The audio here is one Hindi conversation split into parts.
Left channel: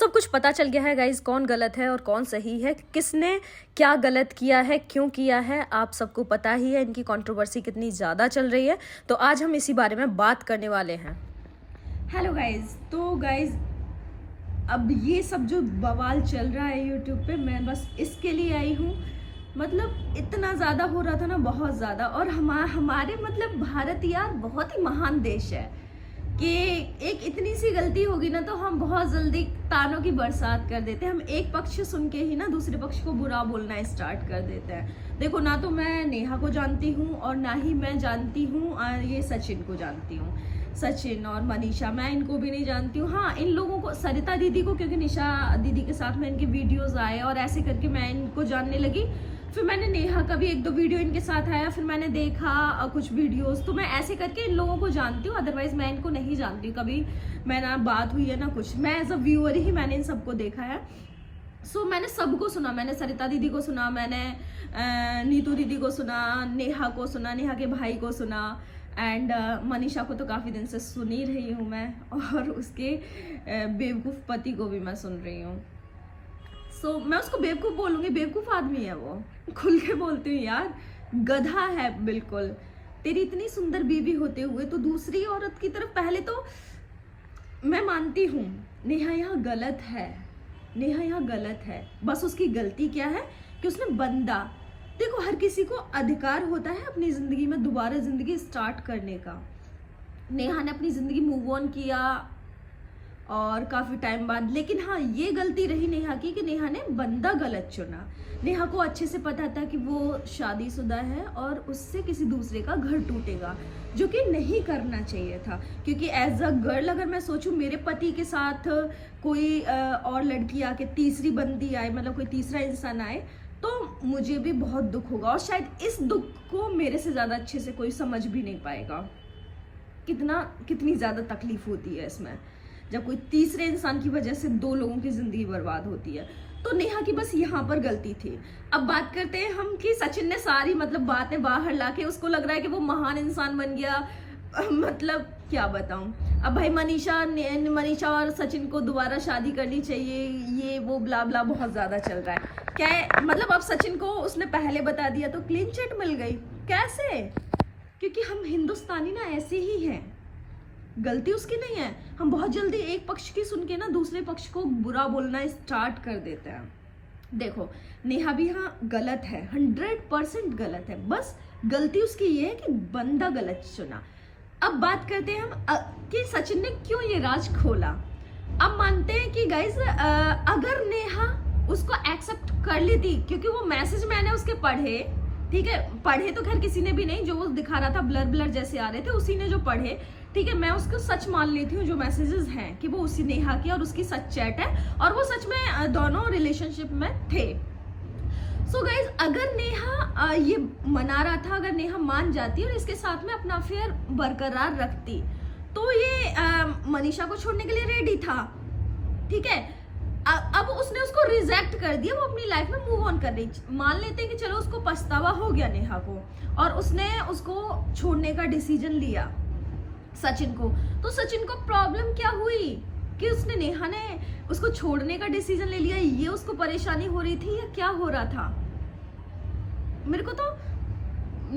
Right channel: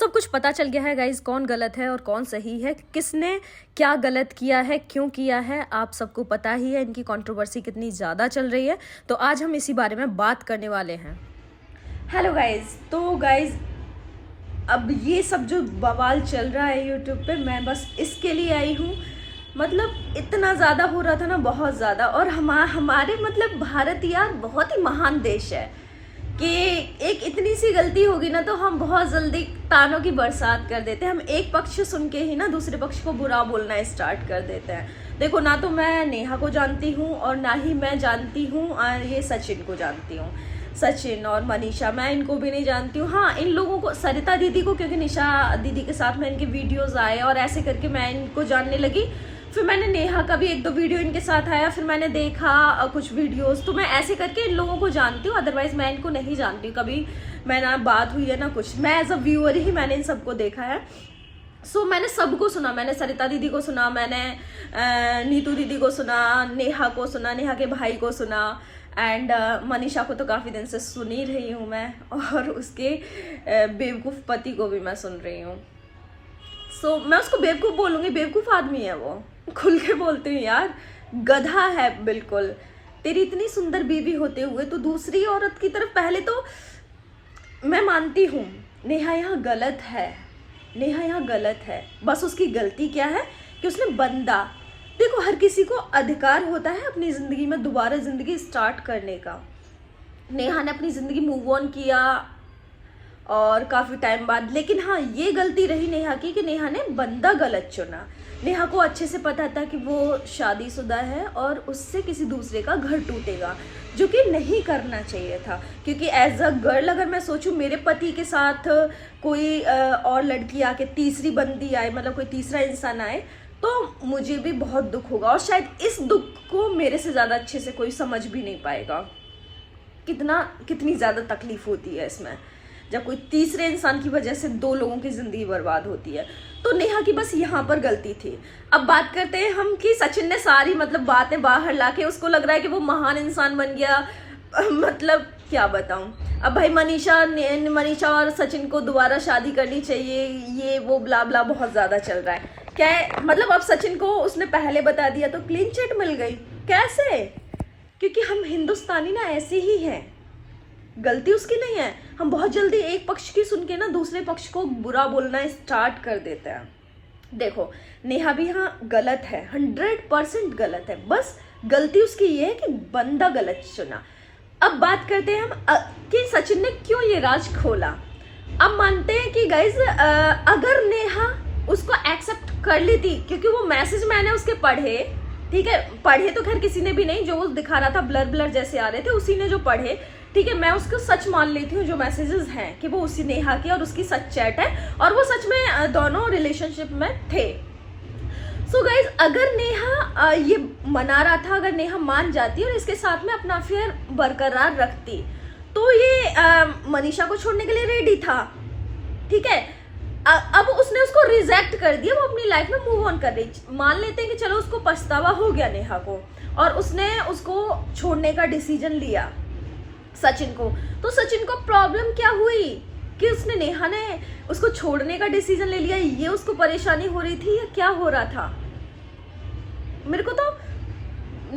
सब कुछ पता चल गया है गाइज, कौन गलत है और कौन सही है, किसने क्या गलत किया है, क्यों किया है, आप सबको पता ही है। इनकी कंट्रोवर्सी कितनी ज़्यादा चल रही है, तो आज हम इसी बारे में बात करने वाले हैं। Hello guys. तो गाइज अब ये सब जो बवाल चल रहा है यूट्यूब पे, मैं बस इसके लिए आई हूँ। मतलब इतना ज़्यादा हो रहा था ना, बहुत ज़्यादा। और हमारे मतलब भारत यार बहुत ही महान देश है कि एक इतनी सी गलती होगी ना तो हम बहुत जल्दी तानों की बरसात कर देते हैं। हम एक पक्ष सुन के ही ना दूसरे पक्ष को बुरा बोलना स्टार्ट कर देते हैं। देखो, ना तो मैं नेहा को जानती हूँ और ना ही मैं जानती हूँ ये सचिन को जानती हूँ। सचिन और मनीषा, मैं इनको भी नहीं जानती हूँ। हाँ, इन लोगों को, सरिता दीदी को, क्योंकि निशा दीदी के साथ में इनके वीडियोस आए और ऐसे करके मैं इनको जानने लगी। फिर मैंने नेहा का भी एक दो वीडियो इनके साथ आया, फिर मैंने देखा कुछ वीडियोस, तो मैं ऐसे करके इन लोगों को जानती हूँ। अदरवाइज मैं इनको नहीं जानती हूँ, कभी मैं ना बात हुई है ना कुछ। मैं एज अ व्यूअर ही मैंने इन सबको देखा है। मैंने सबको सुना। मैंने सरिता दीदी को सुना, मैंने नीतू दीदी को सुना, नेहा को सुना, नेहा के भाई को सुना, एंड मनीषा को तो काफ़ी दिन से सुन ही रही हूँ मैं, और उसके बेवकूफ़ पति को भी मैं सुन रही हूँ। मैं उसको बेवकूफ़ बोलूँगी, बेवकूफ़ आदमी है वो, खुल के बोलती हूँ यार, गधा है बिल्कुल। तेरी इतनी सुंदर बीवी होते हुए तो दूसरी औरत की तरफ, पहले तो मैं मानती हूँ नेहा यहाँ गलत है, नेहा यहाँ गलत है। बस उसकी गलती क्या है कि उसने बंदा, देखो हर किसी को अधिकार होता है अपनी ज़िंदगी में दोबारा ज़िंदगी स्टार्ट करने का। नेहा ने अपनी ज़िंदगी मूव ऑन किया और काफ़ी टाइम बाद, लेकिन हाँ ये गलती रही नेहा की कि नेहा ने बंदा गलत चुना। नेहा को अच्छे से पता था कि वो शादीशुदा है और उससे किसी दूसरे का घर टूटेगा, जो कि नहीं करना चाहिए था। क्योंकि एज अ गर्ल अगर मैं सोचूं, मेरे पति के साथ कोई और लड़की आके, तीसरी बंदी आए, मतलब कोई तीसरा इंसान आए, तो मुझे भी बहुत दुख होगा। और शायद इस दुख को मेरे से ज़्यादा अच्छे से कोई समझ भी नहीं पाएगा, कितनी ज़्यादा तकलीफ होती है इसमें, जब कोई तीसरे इंसान की वजह से दो लोगों की ज़िंदगी बर्बाद होती है। तो नेहा की बस यहाँ पर गलती थी। अब बात करते हैं हम कि सचिन ने सारी मतलब बातें बाहर लाके उसको लग रहा है कि वो महान इंसान बन गया। मतलब क्या बताऊं। अब भाई मनीषा और सचिन को दोबारा शादी करनी चाहिए, ये वो ब्ला ब्ला बहुत ज़्यादा चल रहा है। क्या है मतलब, अब सचिन को उसने पहले बता दिया तो क्लीन चिट मिल गई। कैसे? क्योंकि हम हिंदुस्तानी ना ऐसे ही हैं, गलती उसकी नहीं है। हम बहुत जल्दी एक पक्ष की सुन के ना दूसरे पक्ष को बुरा बोलना स्टार्ट कर देते हैं। देखो, नेहा भी यहाँ गलत है, 100% गलत है। बस गलती उसकी ये है कि बंदा गलत चुना। अब बात करते हैं हम कि सचिन ने क्यों ये राज खोला। अब मानते हैं कि गाइज अगर नेहा उसको एक्सेप्ट कर ली थी, क्योंकि वो मैसेज मैंने उसके पढ़े, ठीक है, पढ़े तो खैर किसी ने भी नहीं, जो वो दिखा रहा था ब्लर ब्लर जैसे आ रहे थे उसी ने जो पढ़े, ठीक है, मैं उसको सच मान लेती हूँ जो मैसेजेस हैं कि वो उसी नेहा की और उसकी सच चैट है और वो सच में दोनों रिलेशनशिप में थे। सो गाइज, अगर नेहा ये मना रहा था, अगर नेहा मान जाती और इसके साथ में अपना अफेयर बरकरार रखती, तो ये मनीषा को छोड़ने के लिए रेडी था, ठीक है। अब उसने उसको रिजेक्ट कर दिया, वो अपनी लाइफ में मूव ऑन कर रही। मान लेते हैं कि चलो उसको पछतावा हो गया नेहा को और उसने उसको छोड़ने का डिसीजन लिया सचिन को, तो सचिन को प्रॉब्लम क्या हुई कि उसने नेहा ने उसको छोड़ने का डिसीजन ले लिया, ये उसको परेशानी हो रही थी या क्या हो रहा था। मेरे को तो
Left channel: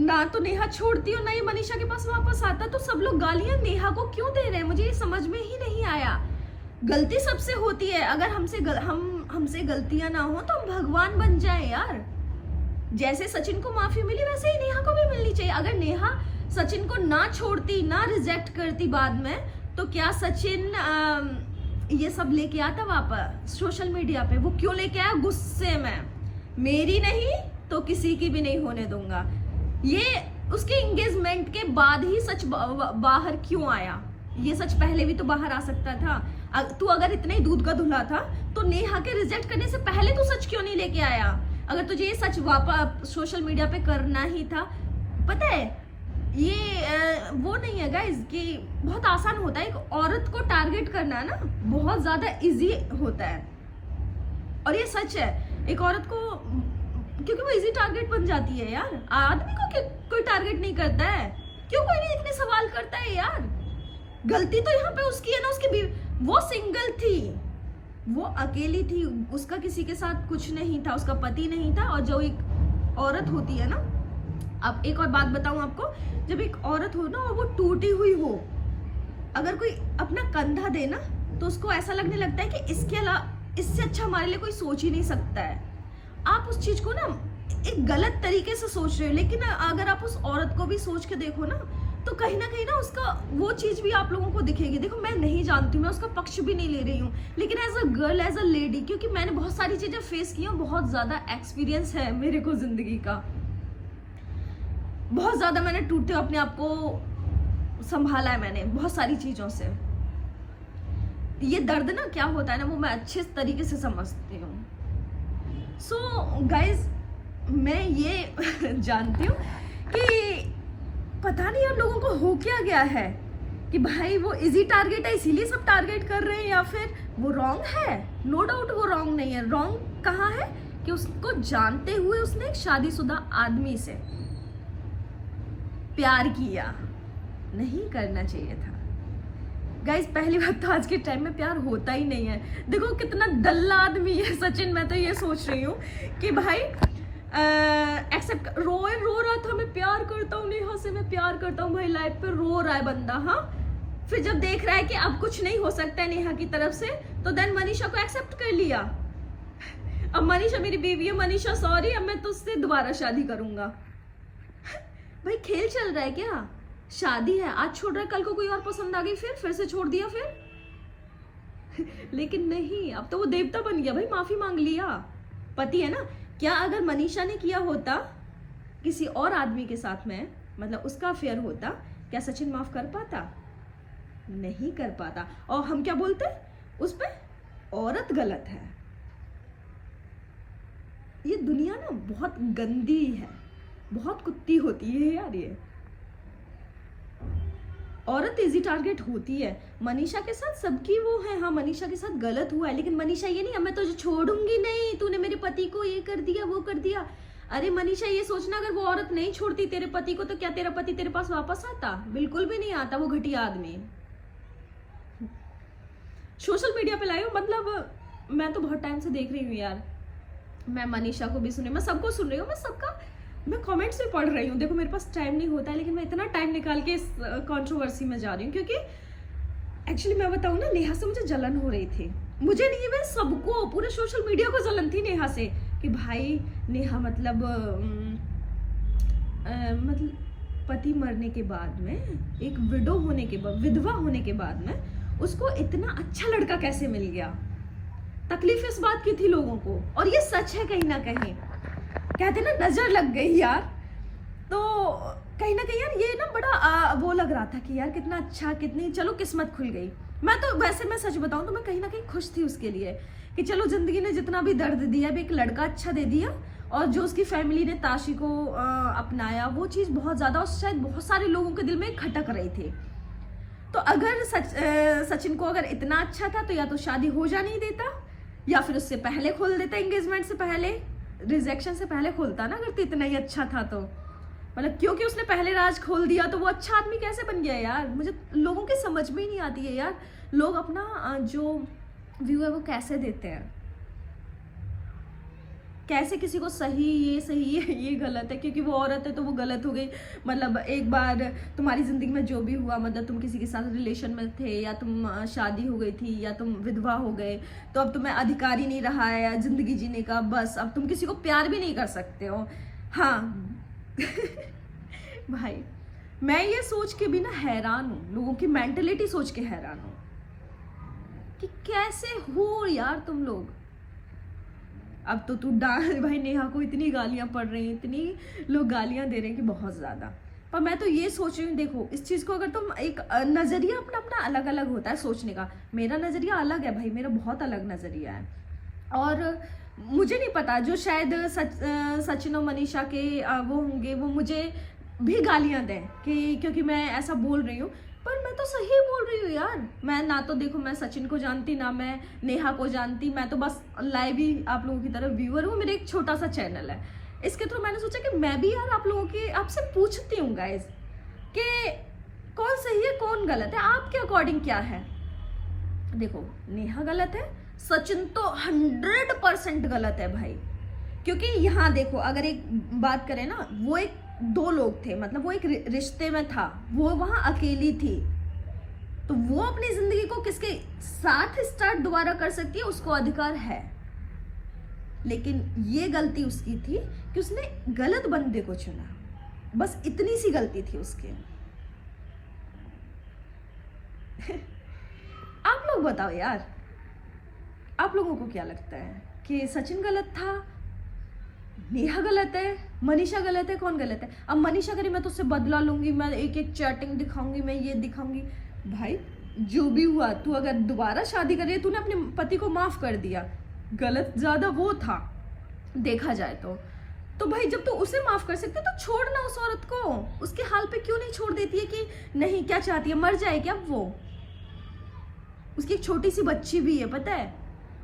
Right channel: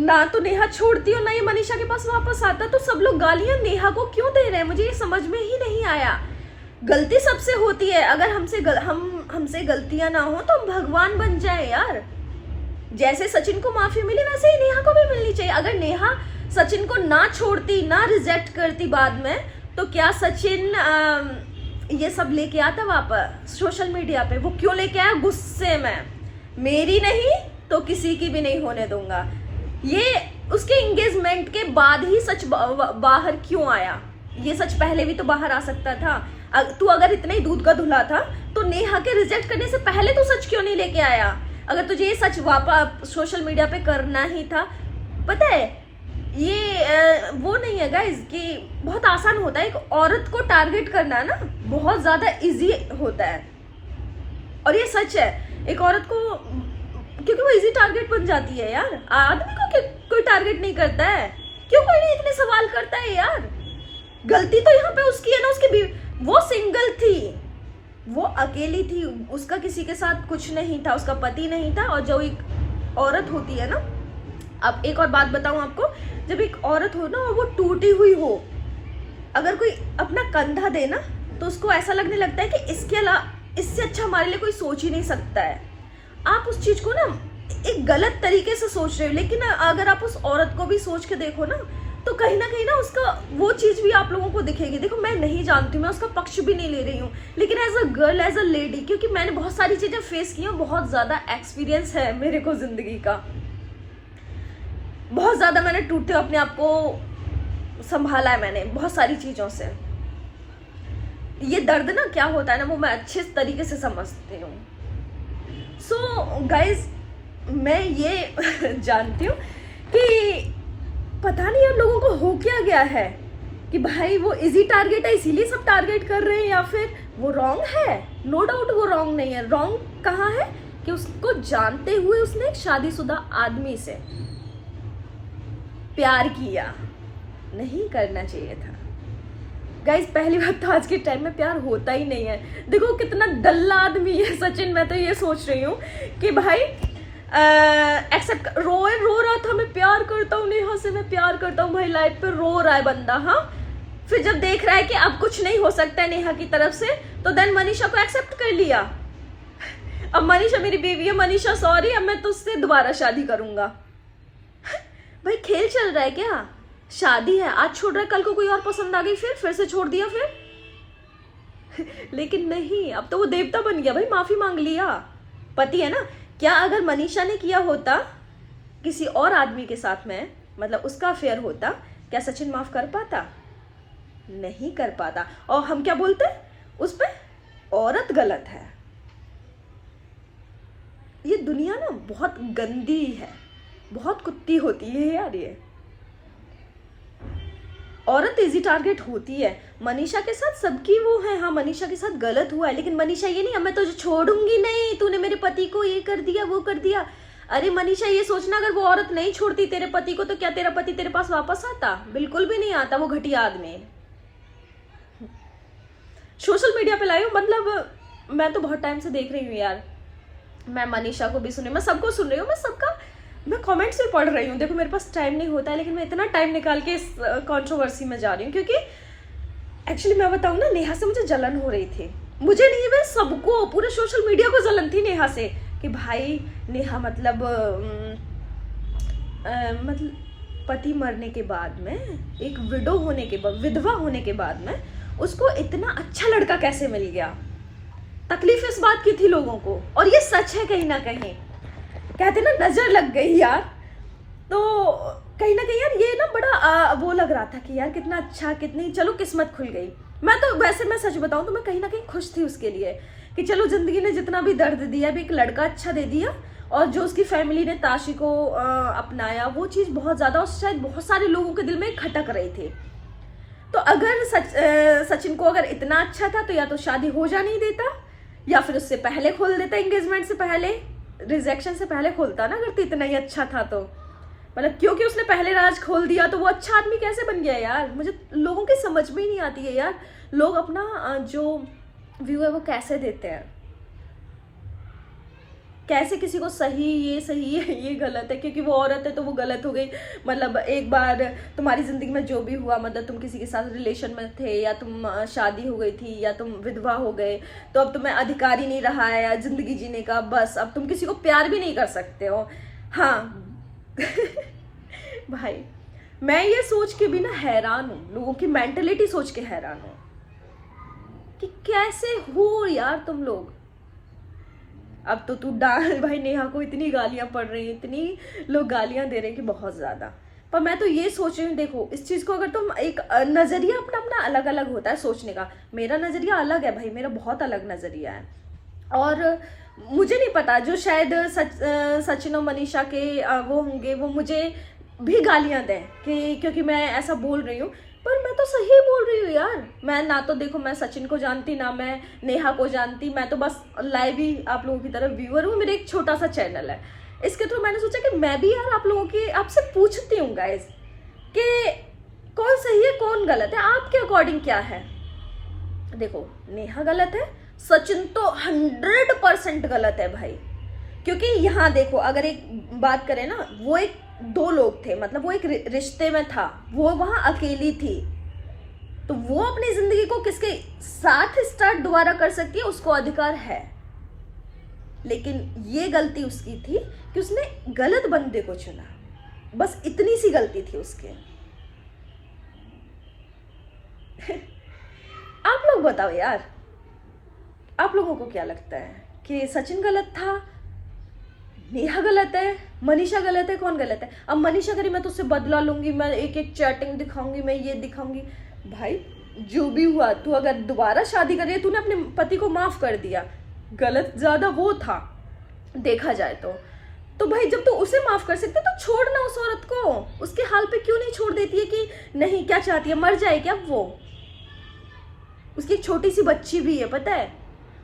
ना तो नेहा छोड़ती और ना ये मनीषा के पास वापस आता, तो सब लोग गालियां नेहा को क्यों दे रहे हैं, मुझे ये समझ में ही नहीं आया। गलती सबसे होती है, अगर हमसे गलतियां ना हो तो हम भगवान बन जाए यार। जैसे सचिन को माफी मिली वैसे ही नेहा को भी मिलनी चाहिए। अगर नेहा सचिन को ना छोड़ती, ना रिजेक्ट करती बाद में, तो क्या सचिन ये सब लेके आता वापस सोशल मीडिया पे? वो क्यों लेके आया? गुस्से में, मेरी नहीं तो किसी की भी नहीं होने दूंगा। ये उसके एंगेजमेंट के बाद ही सच बाहर क्यों आया? ये सच पहले भी तो बाहर आ सकता था। तू अगर इतना ही दूध का धुला था तो नेहा के रिजेक्ट करने से पहले तू सच क्यों नहीं लेके आया? अगर तुझे ये सच वापस सोशल मीडिया पे करना ही था। पता है, ये वो नहीं है गाइज कि बहुत आसान होता है। एक औरत को टारगेट करना ना बहुत ज़्यादा इजी होता है, और ये सच है। एक औरत को, क्योंकि वो इजी टारगेट बन जाती है यार। आदमी को कोई टारगेट नहीं करता है, क्यों कोई नहीं इतने सवाल करता है यार। गलती तो यहाँ पे उसकी है ना, उसकी वो सिंगल थी, वो अकेली थी, उसका किसी के साथ कुछ नहीं था, उसका पति नहीं था। और जो एक औरत होती है ना, अब एक और बात बताऊं आपको, जब एक औरत हो ना और वो टूटी हुई हो, अगर कोई अपना कंधा दे ना तो उसको ऐसा लगने लगता है कि इसके अलावा इससे अच्छा हमारे लिए कोई सोच ही नहीं सकता है। आप उस चीज को ना एक गलत तरीके से सोच रहे हो, लेकिन अगर आप उस औरत को भी सोच के देखो ना तो कहीं ना उसका वो चीज भी आप लोगों को दिखेगी। देखो मैं नहीं जानती हूँ, मैं उसका पक्ष भी नहीं ले रही हूँ, लेकिन as a girl, as a lady, क्योंकि मैंने बहुत सारी चीजें फेस की हैं, बहुत ज्यादा एक्सपीरियंस है मेरे को जिंदगी का, बहुत ज्यादा मैंने टूटते हुए अपने आप को संभाला है मैंने बहुत सारी चीजों से। ये दर्द ना क्या होता है ना, वो मैं अच्छे तरीके से समझती हूँ। सो गाइज, मैं ये जानती हूँ कि पता नहीं यार लोगों को हो क्या गया है कि भाई वो इजी टारगेट है इसीलिए सब टारगेट कर रहे हैं, या फिर वो रॉन्ग है। नो डाउट वो रॉन्ग नहीं है। रॉन्ग कहाँ है कि उसको जानते हुए उसने एक शादीशुदा आदमी से प्यार किया, नहीं करना चाहिए था। गाइज पहली बात तो आज के टाइम में प्यार होता ही नहीं है। देखो कितना डल्ला आदमी है सचिन। मैं तो ये सोच रही हूँ कि भाई एक्सेप्ट रो रहा था, मैं प्यार करता हूँ नेहा से, मैं प्यार करता हूँ भाई, लाइफ पे रो रहा है बंदा। हाँ, फिर जब देख रहा है कि अब कुछ नहीं हो सकता है नेहा की तरफ से, तो देन मनीषा को एक्सेप्ट कर लिया। अब मनीषा मेरी बेबी है, मनीषा सॉरी, अब मैं तुझसे दोबारा शादी करूंगा। भाई खेल चल रहा है क्या? शादी है, आज छोड़ रहा है, कल को कोई और पसंद आ गई, फिर से छोड़ दिया फिर। लेकिन नहीं, अब तो वो देवता बन गया भाई, माफी मांग लिया, पति है ना। क्या अगर मनीषा ने किया होता किसी और आदमी के साथ में, मतलब उसका अफेयर होता, क्या सचिन माफ कर पाता? नहीं कर पाता। और हम क्या बोलते हैं उस पे? औरत गलत है। ये दुनिया ना बहुत गंदी है, बहुत कुत्ती होती है यार। ये औरत इजी टारगेट होती है। मनीषा के साथ सबकी वो है, हाँ मनीषा के साथ गलत हुआ है, लेकिन मनीषा ये नहीं, अब मैं तुझे छोड़ूंगी नहीं, तूने मेरे पति को ये कर दिया वो कर दिया। अरे मनीषा ये सोचना, अगर वो औरत नहीं छोड़ती तेरे पति को तो क्या तेरा पति तेरे पास वापस आता? बिल्कुल भी नहीं आता। वो घटिया आदमी सोशल मीडिया पे लाई हूँ, मतलब मैं तो बहुत टाइम से देख रही हूँ यार। मैं मनीषा को भी सुन रही हूँ, मैं सबको सुन रही हूँ, मैं कमेंट्स भी पढ़ रही हूँ। देखो मेरे पास टाइम नहीं होता है, लेकिन मैं इतना टाइम निकाल के इस कंट्रोवर्सी में जा रही हूँ, क्योंकि एक्चुअली मैं बताऊँ ना, नेहा से मुझे जलन हो रही थी। मुझे नहीं, मैं सबको, पूरे सोशल मीडिया को जलन थी नेहा से कि भाई नेहा मतलब पति मरने के बाद में, एक विडो होने के बाद, विधवा होने के बाद में उसको इतना अच्छा लड़का कैसे मिल गया। तकलीफ इस बात की थी लोगों को, और ये सच है कहीं ना कहीं। कहते ना नजर लग गई यार, तो कहीं ना कहीं यार ये ना बड़ा वो लग रहा था कि यार कितना अच्छा, कितनी चलो किस्मत खुल गई। मैं तो वैसे, मैं सच बताऊं तो मैं कहीं ना कहीं खुश थी उसके लिए कि चलो जिंदगी ने जितना भी दर्द दिया, भी एक लड़का अच्छा दे दिया, और जो उसकी फैमिली ने ताशी को अपनाया, वो चीज़ बहुत ज़्यादा, और शायद बहुत सारे लोगों के दिल में खटक रही थी। तो अगर सचिन को अगर इतना अच्छा था तो या तो शादी हो जाने देता, या फिर उससे पहले खोल देता, एंगेजमेंट से पहले, रिजेक्शन से पहले खोलता ना, अगर तो इतना ही अच्छा था तो। मतलब क्योंकि उसने पहले राज खोल दिया तो वो अच्छा आदमी कैसे बन गया यार? मुझे लोगों की समझ में ही नहीं आती है यार, लोग अपना जो व्यू है वो कैसे देते हैं, कैसे किसी को सही है ये गलत है, क्योंकि वो औरत है तो वो गलत हो गई। मतलब एक बार तुम्हारी जिंदगी में जो भी हुआ, मतलब तुम किसी के साथ रिलेशन में थे, या तुम शादी हो गई थी, या तुम विधवा हो गए, तो अब तुम्हें अधिकार ही नहीं रहा है या जिंदगी जीने का, बस अब तुम किसी को प्यार भी नहीं कर सकते हो। हाँ भाई मैं ये सोच के भी ना हैरान हूँ, लोगों की मेंटलिटी सोच के हैरान हूँ कि कैसे हो यार तुम लोग। अब तो तू भाई नेहा को इतनी गालियां पड़ रही हैं, इतनी लोग गालियां दे रहे हैं कि बहुत ज्यादा। पर मैं तो ये सोच रही हूँ, देखो इस चीज को अगर तुम एक नजरिया अपना अपना अलग अलग होता है सोचने का। मेरा नजरिया अलग है भाई, मेरा बहुत अलग नजरिया है। और मुझे नहीं पता, जो शायद सचिन और मनीषा के वो होंगे, वो मुझे भी गालियां दें कि क्योंकि मैं ऐसा बोल रही हूँ, पर मैं तो सही बोल रही हूँ यार। मैं ना तो देखो मैं सचिन को जानती, ना मैं नेहा को जानती, मैं तो बस लाइव ही आप लोगों की तरफ व्यूअर हूँ। मेरा एक छोटा सा चैनल है, इसके थ्रू मैंने सोचा कि मैं भी यार आप लोगों की आपसे पूछती हूँ गाइज कि कौन सही है कौन गलत है, आपके अकॉर्डिंग क्या है। देखो नेहा गलत है, सचिन तो 100% गलत है भाई। क्योंकि यहाँ देखो, अगर एक बात करें ना, वो एक दो लोग थे, मतलब वो एक रिश्ते में था, वो वहां अकेली थी, तो वो अपनी जिंदगी को किसके साथ स्टार्ट दोबारा कर सकती है, उसको अधिकार है। लेकिन ये गलती उसकी थी कि उसने गलत बंदे को चुना, बस इतनी सी गलती थी उसके। आप लोग बताओ यार, आप लोगों को क्या लगता है कि सचिन गलत था, नेहा गलत है, मनीषा गलत है, कौन गलत है? अब मनीषा करी मैं तो उससे बदला लूंगी, मैं एक एक चैटिंग दिखाऊंगी, मैं ये दिखाऊंगी। भाई जो भी हुआ, तू अगर दोबारा शादी कर रही है, तूने अपने पति को माफ कर दिया, गलत ज्यादा वो था देखा जाए तो भाई जब तू उसे माफ कर सकते तो छोड़ ना उस औरत को, उसके हाल पे क्यों नहीं छोड़ देती है कि नहीं, क्या चाहती है, मर जाए क्या वो? उसकी एक छोटी सी बच्ची भी है, पता है।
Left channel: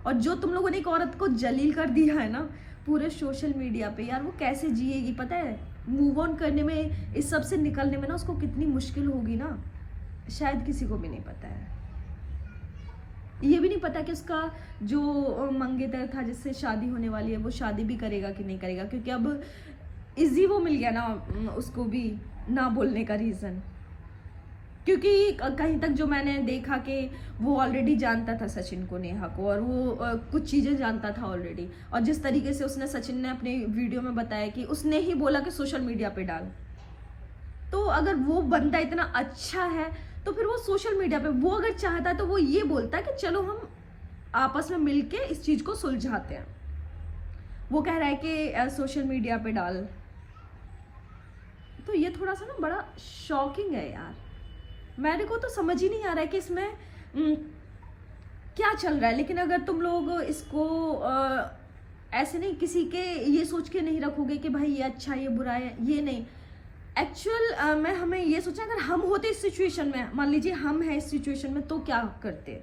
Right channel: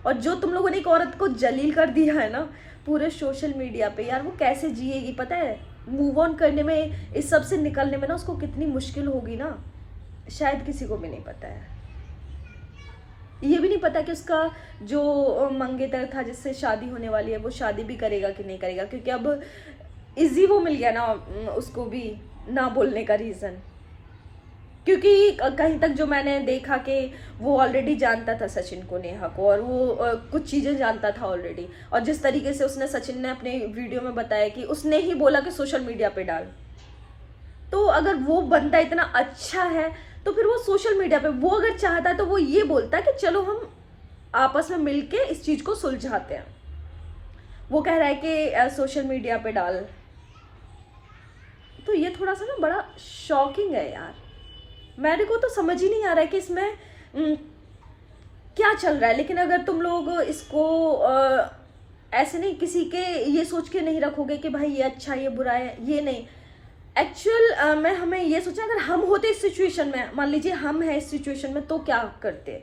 और जो तुम लोगों ने एक औरत को जलील कर दिया है ना पूरे सोशल मीडिया पे, यार वो कैसे जिएगी पता है? मूव ऑन करने में, इस सब से निकलने में ना उसको कितनी मुश्किल होगी ना, शायद किसी को भी नहीं पता है। ये भी नहीं पता कि उसका जो मंगेतर था जिससे शादी होने वाली है, वो शादी भी करेगा कि नहीं करेगा, क्योंकि अब इजी वो मिल गया ना उसको भी ना बोलने का रीज़न। क्योंकि कहीं तक जो मैंने देखा कि वो ऑलरेडी जानता था सचिन को, नेहा को, और वो कुछ चीज़ें जानता था ऑलरेडी। और जिस तरीके से उसने, सचिन ने अपने वीडियो में बताया कि उसने ही बोला कि सोशल मीडिया पे डाल, तो अगर वो बंदा इतना अच्छा है तो फिर वो सोशल मीडिया पे, वो अगर चाहता है तो वो ये बोलता कि चलो हम आपस में मिलके इस चीज़ को सुलझाते हैं। वो कह रहा है कि सोशल मीडिया पे डाल, तो ये थोड़ा सा ना बड़ा शॉकिंग है यार। मेरे को तो समझ ही नहीं आ रहा है कि इसमें क्या चल रहा है। लेकिन अगर तुम लोग इसको ऐसे नहीं, किसी के ये सोच के नहीं रखोगे कि भाई ये अच्छा ये बुरा है, ये नहीं। एक्चुअल में हमें ये सोचना, अगर हम होते इस सिचुएशन में, मान लीजिए हम हैं इस सिचुएशन में, तो क्या करते?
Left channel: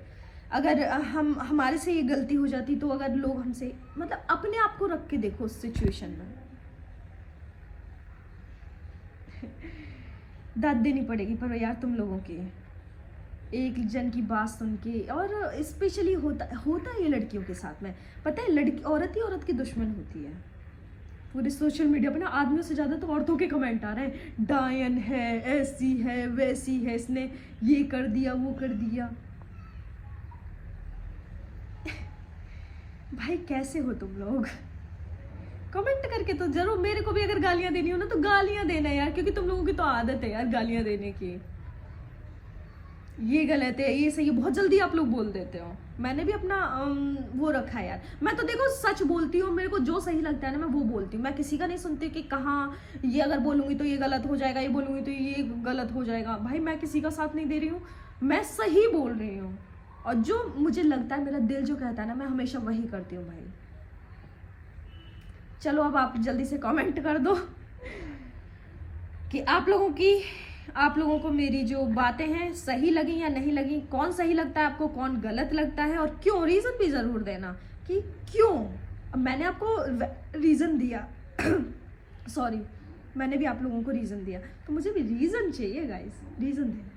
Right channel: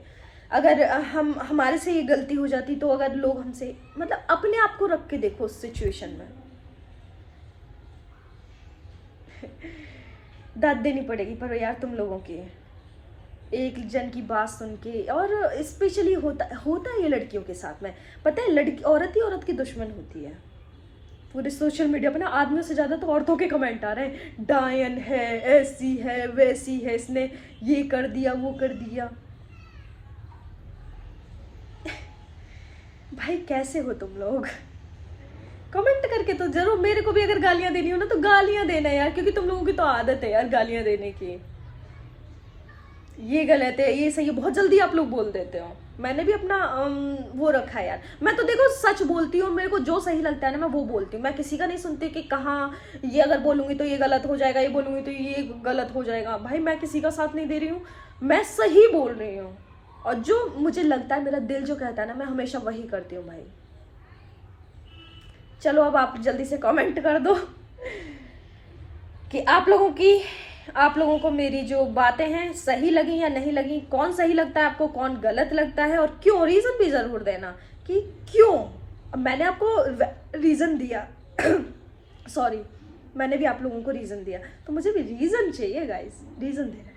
अगर हमारे से ये गलती हो जाती, तो अगर लोग हमसे, मतलब अपने आप को रख के देखो उस सिचुएशन में। दाद देनी पड़ेगी पर यार तुम लोगों की, एक जन की बात सुन के। और स्पेशली होता है ये लड़कियों के साथ में, पता है, लड़की औरत ही औरत की दुश्मन होती है। पूरे सोशल मीडिया पे ना आदमियों से ज़्यादा तो औरतों के कमेंट आ रहे हैं, डायन है, ऐसी है, वैसी है, इसने ये कर दिया, वो कर दिया। भाई कैसे हो तुम लोग? कमेंट करके तो जरूर, मेरे को भी अगर गालियां देनी हो ना तो गालियां देना यार, क्योंकि तुम लोगों की तो आदत है यार गालियां देने की। ये गलत है, ये सही है, बहुत जल्दी आप लोग बोल देते हो। मैंने भी अपना वो रखा है यार। मैं तो देखो सच बोलती हूँ, मेरे को जो सही लगता है ना मैं वो बोलती हूँ। मैं किसी का नहीं सुनती कि कहाँ ये अगर बोलूँगी तो ये गलत हो जाएगा, ये बोलूँगी तो ये गलत हो जाएगा। भाई मैं किसी का साथ नहीं दे रही हूँ, मैं सही बोल रही हूँ। और जो मुझे लगता है, मेरा दिल जो कहता है ना, मैं हमेशा वही करती हूँ भाई। चलो अब आप जल्दी से कमेंट कर दो कि आप लोगों को मेरी जो बातें हैं सही लगी या नहीं लगी, कौन सही लगता है आपको, कौन गलत लगता है, और क्यों। रीज़न भी ज़रूर देना कि क्यों। अब मैंने आपको रीज़न दिया सॉरी, मैंने भी आप लोगों को रीज़न दिया, तो मुझे भी रीज़न चाहिए गाइस, रीज़न देना।